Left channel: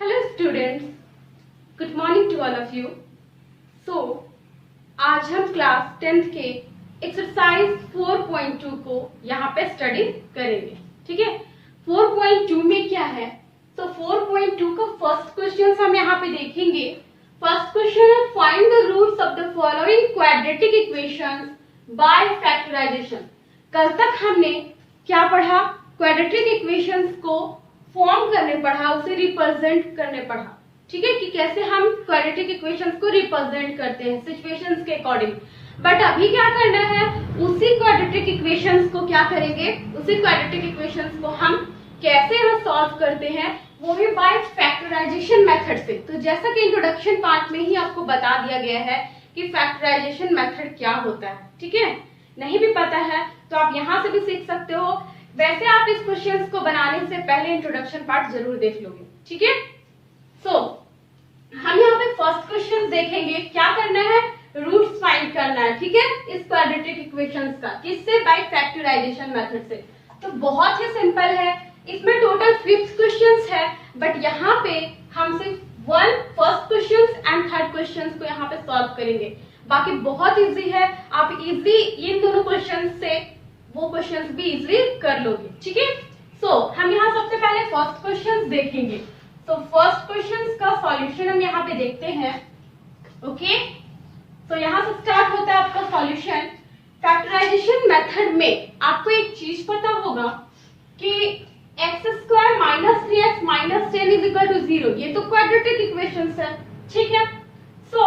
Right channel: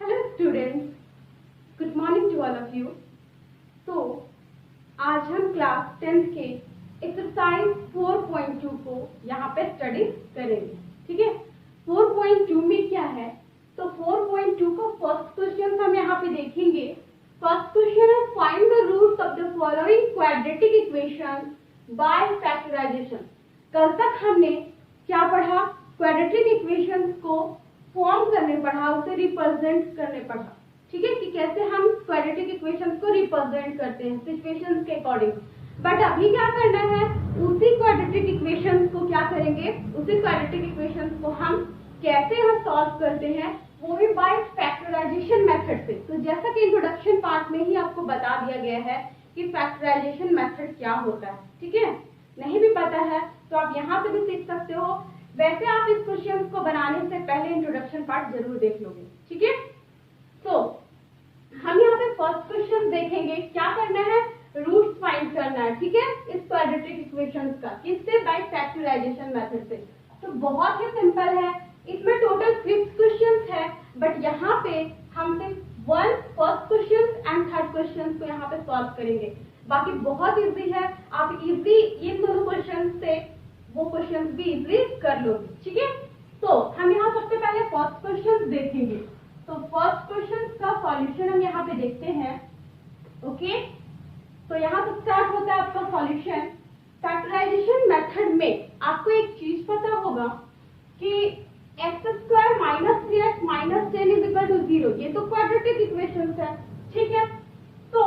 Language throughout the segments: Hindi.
Hello students, good morning to all of you. So आज हम क्लास 10th के एक्सरसाइज 4.2 को यहाँ पे स्टडी करेंगे। ठीक है, 4.2 में क्या है? तो 4.2 का फर्स्ट क्वेश्चन हम यहाँ पे देखेंगे। फर्स्ट क्वेश्चन है find the roots of the following quadratic equations by factorisation. कल तक हमने क्या पढ़ा? क्वाड्रेटिक इक्वेशंस को फॉर्म करने पढ़ा, उसे रिप्रेजेंट करने पढ़ा। ठीक है, कि कैसे हम क्वाड्रेटिक इक्वेशंस को रिप्रेजेंट करते हैं सिचुएशंस के अकॉर्डिंग। बट अभी क्या करना है, उसी क्वाड्रेटिक इक्वेशंस को क्या करेंगे, उसी क्वाड्रेटिक इक्वेशंस को हम कैसे हम सॉल्व करते हैं, वो भी बाय फैक्टराइजेशन मेथड से। तो जैसा कि इंट्रोडक्शन पार्ट में ही आपको बता दिया गया है कि फैक्टराइजेशन मेथड क्या होता है। ठीक है, नहीं भी पता है तो आप यहाँ से भी सीख सकते हो। वैसे आप इस क्वेश्चंस को बनाने से पहले इंट्रोडक्शन पार्ट जरूर देख लोगे। ठीक है, सो हम यहाँ पे फर्स्ट क्वेश्चन देखेंगे। क्या करना है? रूट्स फाइंड करना है। ठीक है, इस क्वाड्रेटिक इक्वेशंस का किससे? बाय फैक्टराइजेशन मेथड से। तो बहुत ही सिंपल है, इसमें टोटल 5 क्वेश्चंस है, बट यहाँ पे हम सिर्फ first question and third question को यहाँ पे सॉल्व करेंगे। बाकी बहुत इजी है, आप इजी इन दोनों क्वेश्चन से वो क्वेश्चंस भी इजीली कर लोगे। ठीक है, सो हम यहाँ सबसे पहले फर्स्ट क्वेश्चन देखेंगे। तो फर्स्ट क्वेश्चन का सॉल्यूशन हम यहाँ पे देखते हैं। ओके, तो यहाँ से स्टार्ट होता है आपका सॉल्यूशन। फैक्टराइजेशन मेथड में आपको एक चीज पता होगा कि x² minus 3x minus 10 is equal to 0। ये तो क्वाड्रेटिक इक्वेशंस है। ठीक है, सो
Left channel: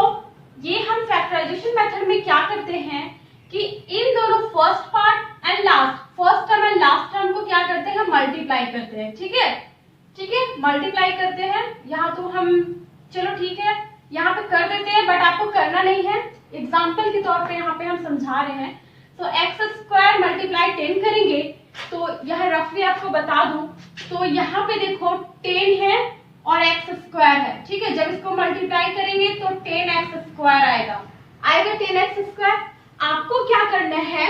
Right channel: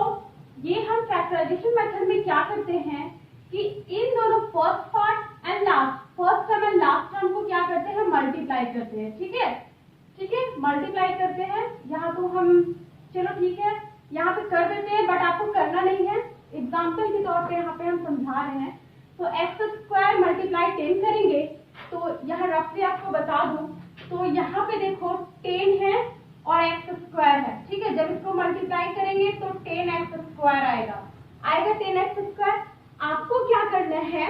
ये हम फैक्टराइजेशन मेथड में क्या करते हैं कि इन दोनों first part and last, first term and last term को क्या करते हैं, मल्टीप्लाई करते हैं। ठीक है, ठीक है, मल्टीप्लाई करते हैं। यहाँ तो हम चलो ठीक है यहाँ पे कर देते हैं, बट आपको करना नहीं है, एग्जाम्पल के तौर पे यहाँ पे हम समझा रहे हैं। तो x² मल्टीप्लाई 10 करेंगे, तो यह रफली आपको बता दूं तो यहाँ पे देखो 10 है और x² है। ठीक है, जब इसको मल्टीप्लाई करेंगे तो 10x² आएगा 10x²। आपको क्या करना है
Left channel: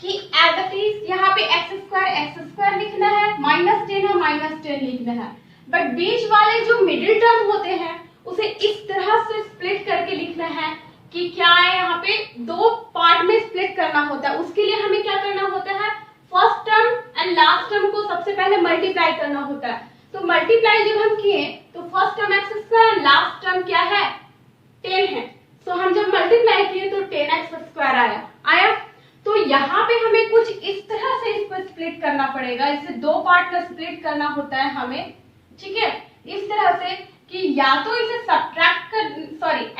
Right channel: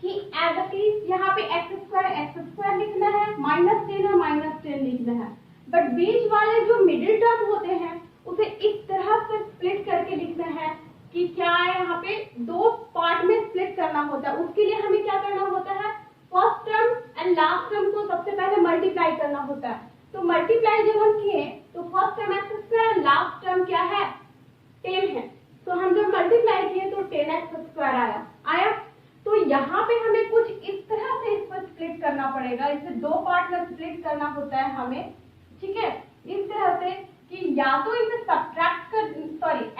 कि एज इट इज यहाँ पे x² लिखना है, माइनस 10 है माइनस 10 लिखना है। बट बीच वाले जो मिडिल टर्म होते हैं उसे इस तरह से स्प्लिट करके लिखना है कि क्या है, यहाँ पे दो पार्ट में स्प्लिट करना होता है। उसके लिए हमें क्या करना होता है, first term and last term को सबसे पहले मल्टीप्लाई करना होता है। तो मल्टीप्लाई जब हम किए तो first term x² and last term क्या है, 10 है। तो हम जब मल्टीप्लाई किए तो 10x² आया। तो यहाँ पे हमें कुछ इस तरह से इसको स्प्लिट करना पड़ेगा, इसे दो पार्ट में स्प्लिट करना होता है हमें। ठीक है, इस तरह से कि या तो इसे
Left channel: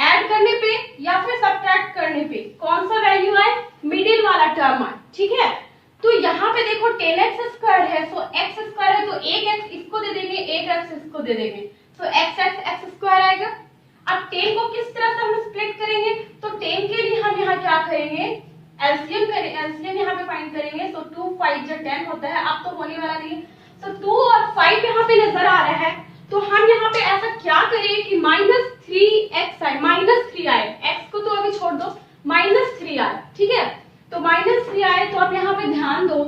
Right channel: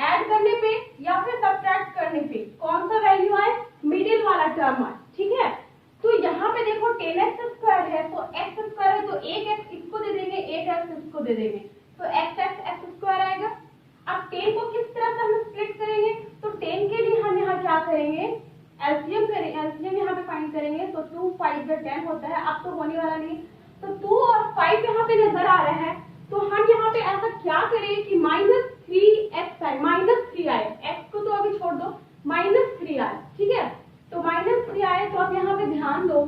ऐड करने पे या फिर सब्ट्रैक्ट करने पे कौन सा वैल्यू आए, मिडिल वाला टर्म आए। ठीक है, तो यहाँ पे देखो 10x² है, तो x² है तो एक x इसको दे देंगे, एक x इसको दे देंगे, तो x² आएगा। अब 10 को किस तरह से हम स्प्लिट करेंगे, तो 10 के लिए हम यहाँ क्या करेंगे, एलसीएम यहाँ पे फाइंड करेंगे। तो 2 5 जब 10 होता है, अब तो होने वाला नहीं है, तो 2 और 5 यहाँ पे नजर आ रहा है। तो हम यहाँ पे ऐसा क्या करें कि -3x आए, -3 आए, x को तो अभी छोड़ दो, -3 आए। ठीक है, तो -3 आए तो आप यहाँ पे ध्यान दो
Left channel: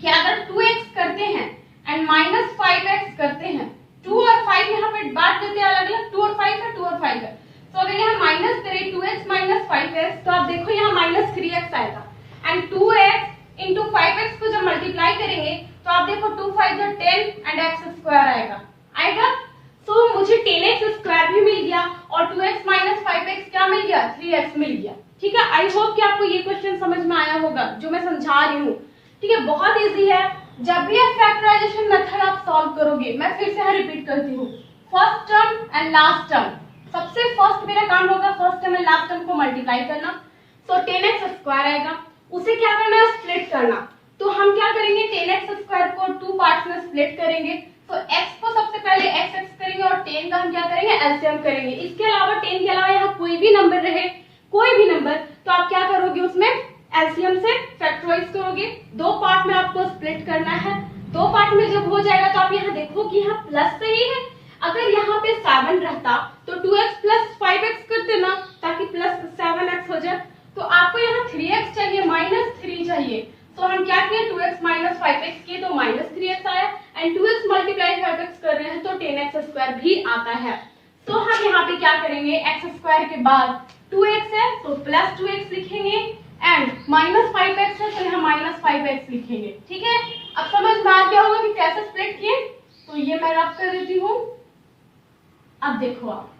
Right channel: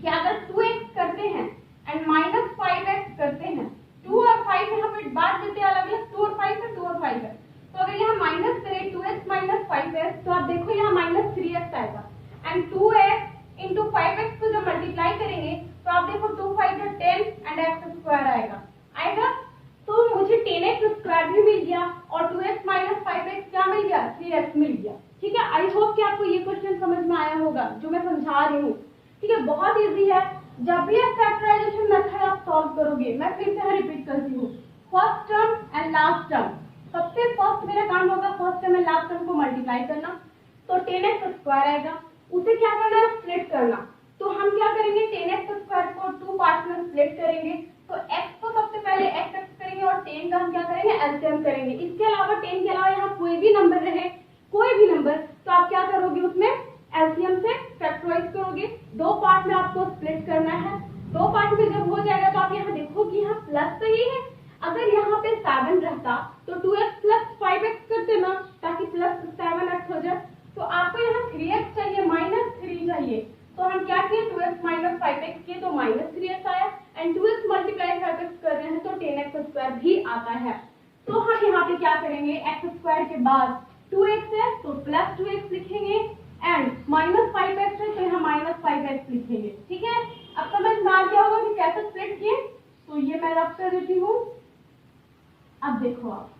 कि अगर 2x करते हैं एंड -5x करते हैं, 2 और 5 यहाँ पे बांट देते हैं अलग अलग, 2 और 5 है, 2 और 5 है। तो अगर यहाँ माइनस करें 2x माइनस 5x, तो आप देखो यहाँ -3x आएगा। एंड 2x इंटू 5x को जब मल्टीप्लाई करेंगे तो आप देखो 2 5 10 एंड x² आएगा। तो मुझे 10x² भी मिल गया और 2x माइनस 5x क्या मिल गया, 3x मिल गया। ठीक है, आई होप कि आपको ये क्वेश्चन समझ में आया होगा जो मैं समझा रही हूँ। ठीक है, बहुत इजी है। जब भी आप फैक्टराइजेशन मेथड आप सॉल्व करोगे, मैं फिर से रिपीट करती हूँ, first term and last term, सबसे फर्स्ट मेरा काम होगा first term and last term को मल्टीप्लाई करना। तो 10x² आएगा, उसे क्या करना है, स्प्लिट करना। तो हम क्या करेंगे, 10x² को 2 पार्ट्स में स्प्लिट करेंगे। तो x को सबसे पहले x करेंगे और 10 का हम क्या करेंगे, एलसीएम करेंगे। इसके अलावा 10 के अलावा यहाँ कोई भी नंबर रहे, कोई भी नंबर, तो आप क्या करोगे, उसमें एलसीएम से फैक्टराइज करोगे। दो पार्ट में आपको स्प्लिट करना है। दो पार्ट में जब हो जाएगा तो आप यहाँ देखो कि यहाँ प्लस सही है। अगर यहाँ पे 7 रहता तो 2x प्लस 5x करते ना, ताकि प्लस 7x हो जाए। तो आपको यहाँ 3x चाहिए, -3 चाहिए। तो हम क्या किए, 2x माइनस 5x किए तो -3x आया, एंड स्क्वायर भी आता है। तो हम यहाँ पे क्या करेंगे, एक्स स्क्वायर के बाद 2x है तो प्लस 2x लिखेंगे एंड माइनस 5x है तो यहाँ माइनस 5x लिखेंगे। ठीक है, अब समझ में आ गया होगा कि कैसे स्प्लिट किए। तो ये मैं रफ कर देती हूँ। अब देखो आप,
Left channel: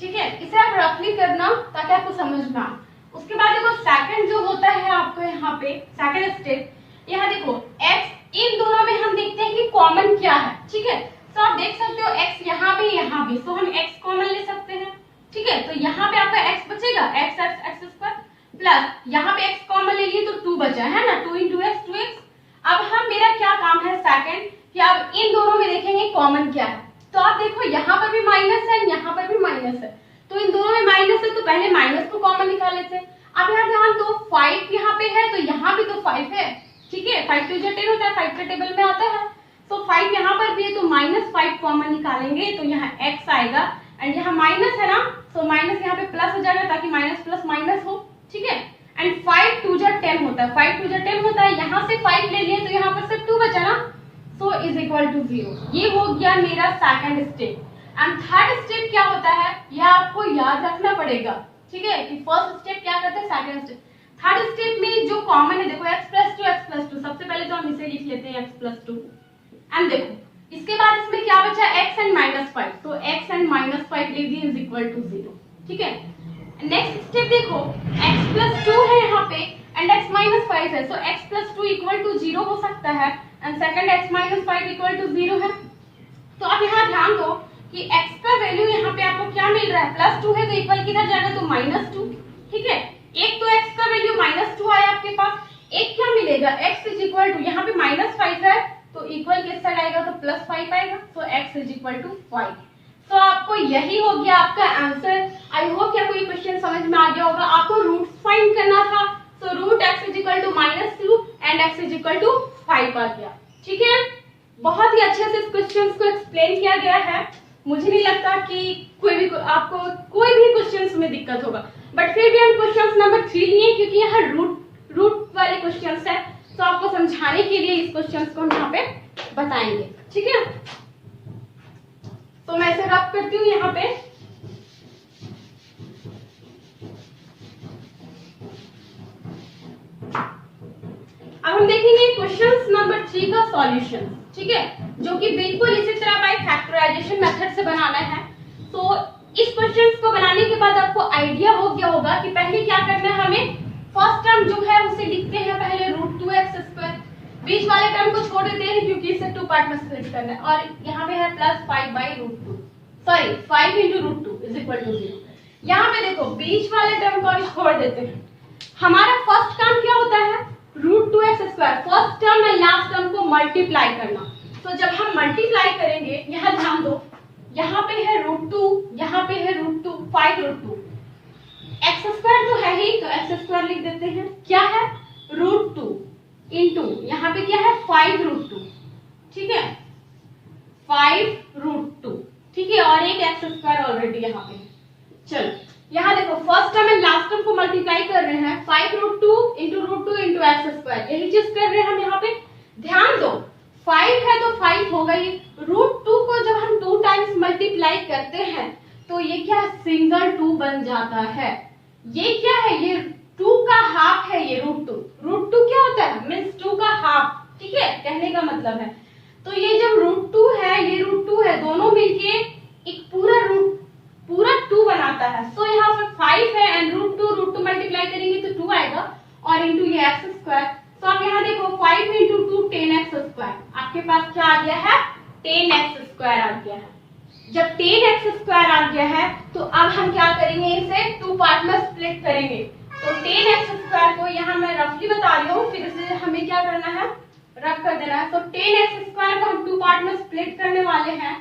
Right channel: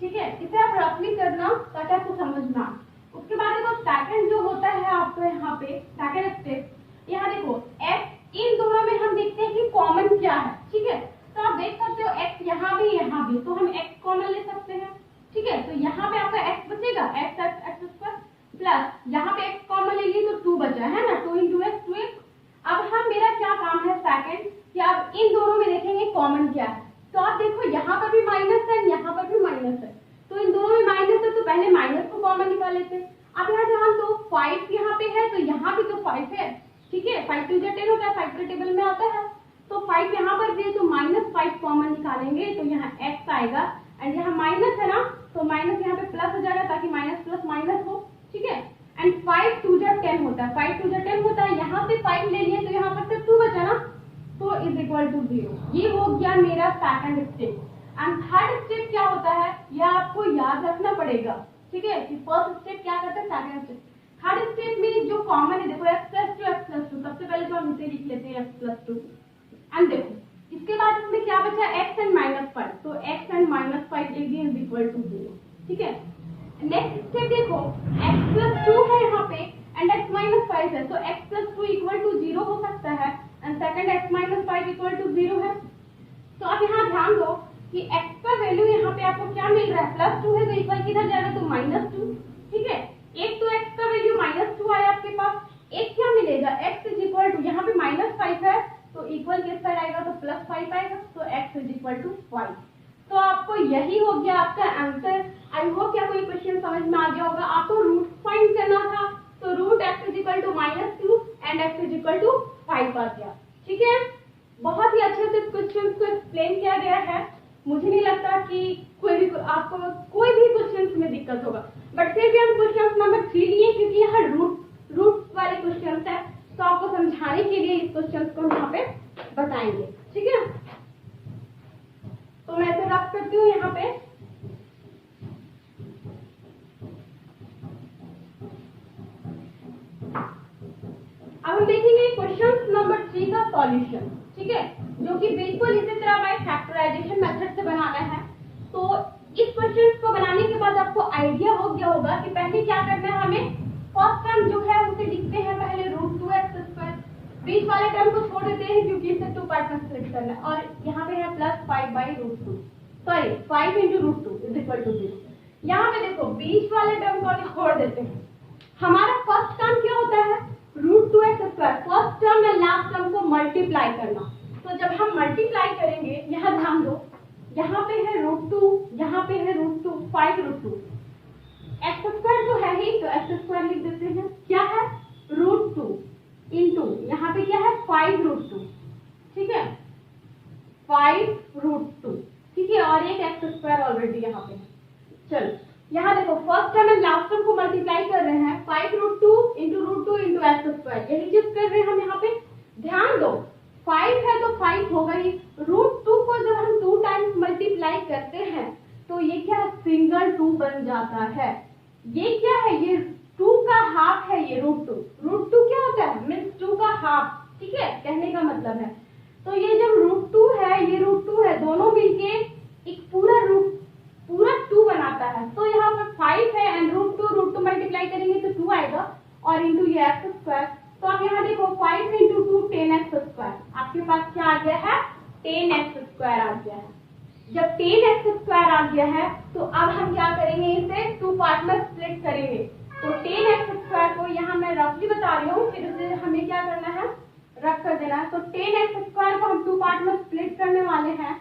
ठीक है, इसे आप रफली करना ताकि आपको समझ में आए। उसके बाद देखो सेकंड जो होता है आपको यहाँ पे सेकंड स्टेप, यहाँ देखो x, इन दोनों में हम देखते हैं कि कॉमन क्या है। ठीक है, तो आप देख सकते हो x यहाँ भी, तो हम x कॉमन ले सकते हैं। ठीक है, तो यहाँ पे आपका x बचेगा, x स्क्वायर प्लस यहाँ पे x कॉमन ले लिए तो 2 बचा है ना, 2 into x 2x। अब हम, मेरा क्या काम है सेकंड, कि आप इन दोनों में देखेंगे कॉमन क्या है। तो आप देखो यहाँ पर भी माइनस है, यहाँ पर भी माइनस है, तो इन दोनों में माइनस है तो पहले माइनस को कॉमन निकाल लेते हैं। अब यहाँ ध्यान दो, 5 यहाँ पे है तो यहाँ भी तो 5 है। ठीक है, 5 2 10 होता है, 5 के टेबल में आता है, तो 5 यहाँ पर भी है तो -5 कॉमन निकालेंगे तो यहाँ x आएगा एंड यहाँ माइनस है ना, तो माइनस यहाँ पे प्लस हो जाएगा ताकि माइनस प्लस माइनस हो। ठीक है, एंड 5 2 10 होता है, 5 2 10 होता है, यहाँ से 5 ले लिए तो यहाँ पर से 2 बचा ना, so is equal to 0। ये हो गया मेरा second step. And third step क्या होता है, यह आपको याद रखना पड़ेगा। ठीक है, कि फर्स्ट स्टेप क्या करते हैं, सेकंड स्टेप। थर्ड स्टेप में जो कॉमन है देखो x + 2, सबसे पहले तो हम इसे लिख लेते हैं x + 2 एंड देखो इसके बाद इसमें क्या बचा, x and -5, तो x and -5 लिख दिए इज इक्वल टू 0। ठीक है, नेक्स्ट स्टेप देखो x + 2 है यहाँ पे एंड x - 5 है, तो x + 2 इक्वल टू 0 हो सकता है and second x - 5 equal to 0 है। तो आप यहाँ ध्यान दो कि x का वैल्यू यहाँ पे आपको क्या मिल रहा है, +2 है तो इक्वल किधर जाएगा, तो -2। ठीक है, एक तो x का वैल्यू -2 आया आपके पास, एक क्या मिलेगा, x इज इक्वल टू, यहाँ पे -5 है तो इक्वल किस साइड आएगा, तो +5 आएगा, तो x इज इक्वल टू 5। तो आपको यही हो गया आपका आंसर। आई होप क्या कोई क्वेश्चन समझ में आ गया होगा। आपको रूट्स फाइंड करना था, तो root x is equal to -2 and x is equal to 5 आ गया। ठीक है, बहुत ही अच्छे से इस क्वेश्चन को एक्सप्लेन किया गया है। मुझे नहीं लगता कि आपको कोई भी क्वेश्चंस में दिक्कत होगा, बट फिर भी हम क्वेश्चंस नंबर 3 लिए क्योंकि यहाँ रूट वाले क्वेश्चंस है, तो आपको समझाने के लिए इस क्वेश्चंस को हम यहाँ पे बताएंगे। ठीक है, तो मैं इसे रब करती हूँ यहाँ पे। अब हम देखेंगे क्वेश्चंस नंबर 3 का सॉल्यूशन। ठीक है, जो कि बिल्कुल इसी तरह बाय फैक्टराइजेशन मेथड से बनाना है। तो इस क्वेश्चंस को बनाने के बाद आपको आइडिया हो गया होगा कि पहले क्या करना है, हमें फर्स्ट टर्म जो है उसे लिखते हैं पहले √2x², बीच वाले टर्म को छोड़ देते हैं क्योंकि इसे 2 पार्ट में स्प्लिट करना है, और यहाँ पे है +5/√2, सॉरी 5 × √2 इज इक्वल टू 0। यहाँ पे देखो बीच वाले टर्म को हम छोड़ देते हैं। हमारा फर्स्ट टर्म क्या होता है, √2x², फर्स्ट टर्म और लास्ट टर्म को मल्टीप्लाई करना। तो जब हम मल्टीप्लाई करेंगे, यहाँ ध्यान दो, यहाँ पे है √2, यहाँ पे है √2, 5√2, x² तो है ही, तो x² लिख देते हैं। क्या है, √2 इंटू यहाँ पे क्या है 5√2। ठीक है, 5√2। ठीक है, और एक x² ऑलरेडी यहाँ पे है। चलो यहाँ देखो first term and last term को मल्टीप्लाई कर रहे हैं, 5√2 इंटू √2 इंटू x², यही चीज कर रहे हैं हम यहाँ पे। ध्यान दो 5 है तो 5 होगा ही, √2 को जब हम 2 टाइम्स मल्टीप्लाई करते हैं तो ये क्या सिंगल 2 बन जाता है। ये क्या है, ये 2 का हाफ है, ये √2 क्या होता है, मीन्स 2 का हाफ। ठीक है, कहने का मतलब है, तो ये जब √2 है, ये √2 है, दोनों मिलके एक पूरा 2 बनाता है। तो यहाँ पर 5 है एंड √2 मल्टीप्लाई करेंगे तो 2 आएगा, और इंटू ये x²। तो आप यहाँ देखो 5 × 2 10x², आपके पास क्या आ गया है, 10x² आ गया है। जब 10x² आ गया है तो अब हम क्या करेंगे, इसे 2 पार्ट में स्प्लिट करेंगे। तो 10x² को यहाँ मैं रफली बता रही हूँ, फिर इसे हमें क्या करना है, रख कर देना है। तो 10x² को हम 2 पार्ट में स्प्लिट करने वाले हैं।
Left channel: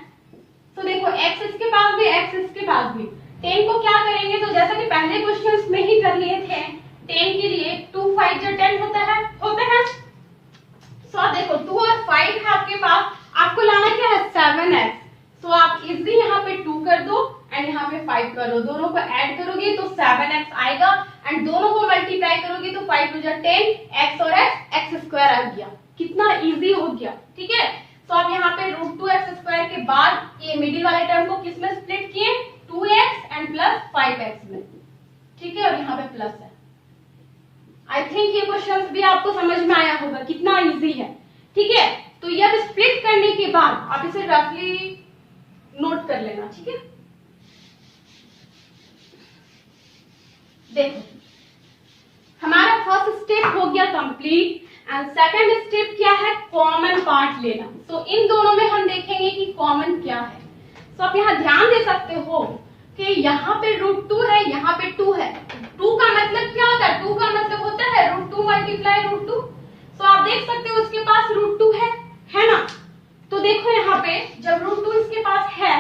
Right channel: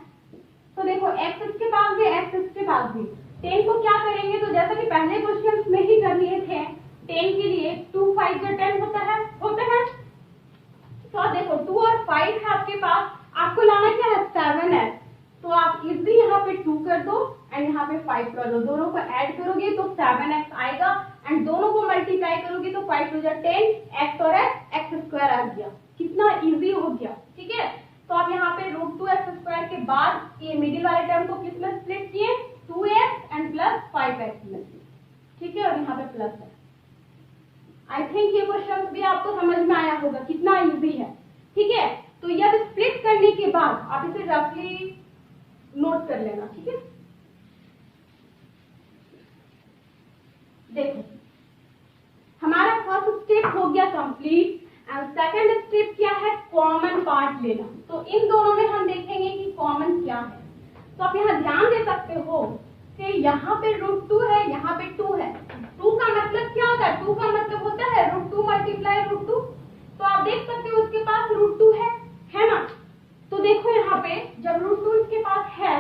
तो देखो x इसके पास भी, x इसके पास भी। 10 को क्या करेंगे, तो जैसा कि पहले क्वेश्चंस में ही कर लिए थे, 10 के लिए 2 5 × 10 होता है। तो देखो 2 और 5 है आपके पास, आपको लाना क्या है 7x। तो आप इजी यहाँ पे 2 कर दो एंड यहाँ पे 5 कर दो, दोनों को ऐड करोगे तो 7x आएगा एंड दोनों को मल्टीप्लाई करोगे तो 5 × 10, x और x² आ गया। कितना इजी हो गया। ठीक है, तो आप यहाँ पे √2x² के बाद ये मिडिल वाले टर्म को किस में स्प्लिट किए, 2x एंड प्लस 5x में, ठीक है, और यहाँ पे प्लस है। आई थिंक ये क्वेश्चन भी आपको समझ में आया होगा, कितना इजी है, ठीक है। तो ये अब स्प्लिट करने के बाद आप इसे रफली नोट कर लेना, ठीक है। देखो हमारा फर्स्ट स्टेप हो गया कंप्लीट एंड सेकंड स्टेप क्या है, कॉमन पार्ट लेना। तो इन दोनों में हम देखेंगे कि कॉमन क्या है। तो आप यहाँ ध्यान दे सकते हो कि यहाँ पे √2 है, यहाँ पे 2 है। 2 का मतलब क्या होता है, 2 का मतलब होता है √2 मल्टीप्लाई √2। तो आप देख सकते हो उसके पास √2 है ना। तो देखो यहाँ पे जब √2 इसके पास है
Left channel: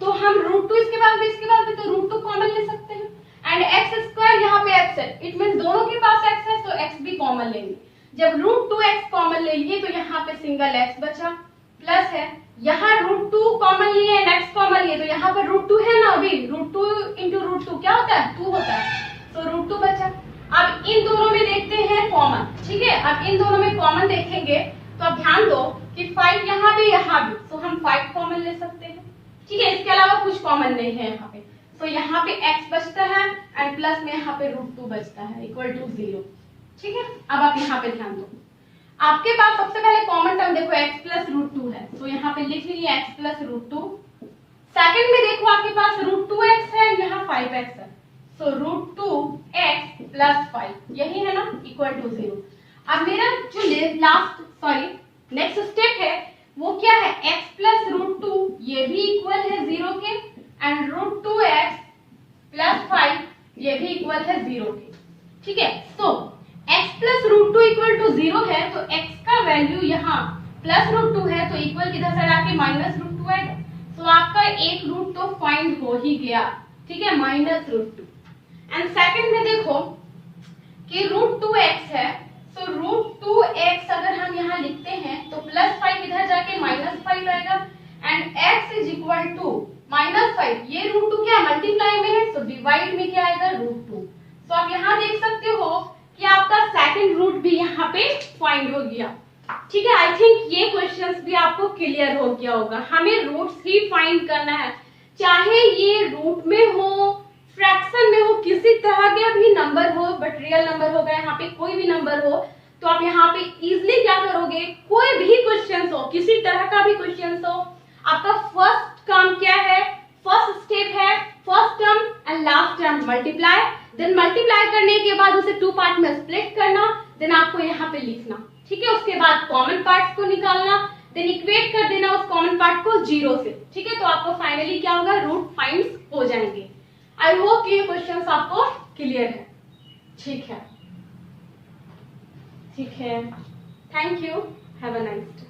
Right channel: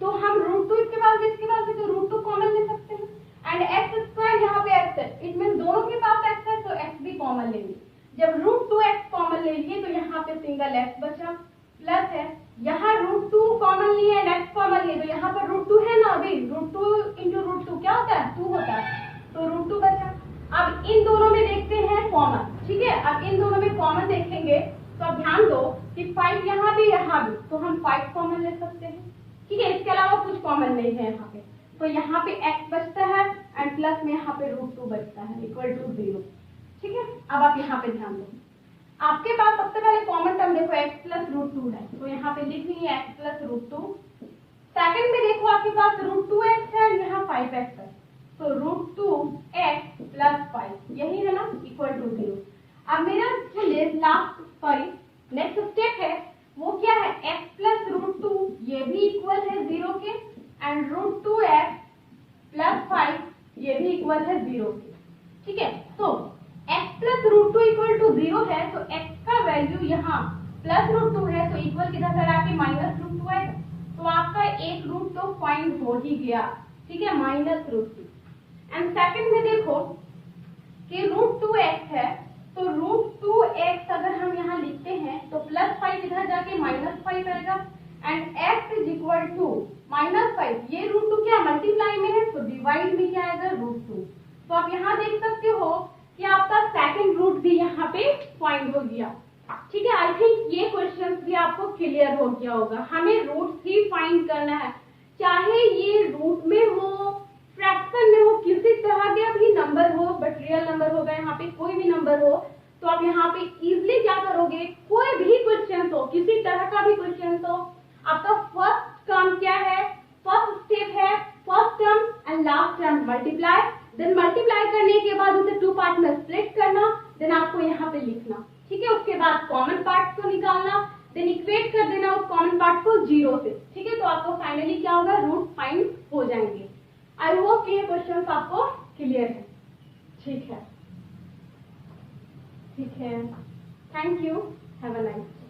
तो हम √2 इसके पास भी तो √2 कॉमन ले सकते हैं एंड x² यहाँ पे x है, इट मीन दोनों के पास x है तो x भी कॉमन लेंगे। जब √2x कॉमन लेंगे तो यहाँ पे सिंगल x बचा, प्लस है यहाँ √2 कॉमन लिए एंड x कॉमन लिए तो यहाँ पर √2 है ना, अभी √2 इंटू √2 क्या होता है, 2 होता है, तो √2 बचा। अब इन दोनों में देखते हैं कॉमन, ठीक है। अब इन दोनों में कॉमन देखेंगे तो अब ध्यान दो कि 5 यहाँ भी तो हम 5 कॉमन ले सकते हैं, ठीक है। इसके अलावा कुछ कॉमन नहीं है यहाँ पे, तो यहाँ पे x बचता है एंड प्लस में यहाँ पे √2 बचता है इक्वल टू 0, ठीक है। अब आप यहाँ पे ध्यान दो, आपके पास सबसे पहले कॉमन टर्म देखो x प्लस √2 है, तो यहाँ पे लिख लीजिए x प्लस √2। सेकंड में देखो आपके पास √2x है, यहाँ 5x है, तो √2x प्लस 5 यही है ना, इक्वल टू 0। अब मेरा जो नेक्स्ट स्टेप है वो क्या है, x प्लस √2 ये भी इक्वल है 0 के एंड √2x प्लस 5 ये भी इक्वल है 0 के, ठीक है। तो x प्लस √2 इक्वल टू 0 है तो x का वैल्यू यहाँ प्लस √2 है तो इक्वल किधर से आके माइनस √2 आएगा, तो आपका एक रूट तो फाइंड हो ही गया, ठीक है, -√2। एंड सेकंड में देखो कि √2x है, तो √2x अगर हम यहाँ लिखते हैं तो प्लस 5 इधर जाके -5 आएगा and x is equal to -5, ये √2 क्या मल्टीप्लाई में है तो डिवाइड में क्या आएगा √2। तो आप यहाँ देख सकते हो कि आपका सेकंड रूट भी यहाँ पे फाइंड हो गया, ठीक है। आई थिंक ये क्वेश्चंस भी आपको क्लियर हो गया होगा। हमें रूट्स ही फाइंड करना है, चाहे ये रूट में हो, फ्रैक्शन में हो, किसी तरह का भी नंबर हो, बट रियल नंबर होगा, यहाँ पे कोई भी नंबर हो तो आप यहाँ पे इजिली क्या करोगे, कोई भी क्वेश्चन हो, किसी तरह का भी क्वेश्चन हो, आपका फर्स्ट काम क्या है, फर्स्ट स्टेप है first term and last term multiply, then multiply करने के बाद उसे 2 पार्ट में स्प्लिट करना, देन आपको यहाँ पे लिखना, ठीक है। उसके बाद कॉमन पार्ट्स को निकालना, देन इक्वेट कर देना उस कॉमन पार्ट को 0 से, ठीक है। तो आपको फाइनली क्या होगा, रूट फाइंड हो जाएंगे। आई होप ये क्वेश्चंस आपको क्लियर है, ठीक है, ठीक है। Thank you, have a nice day.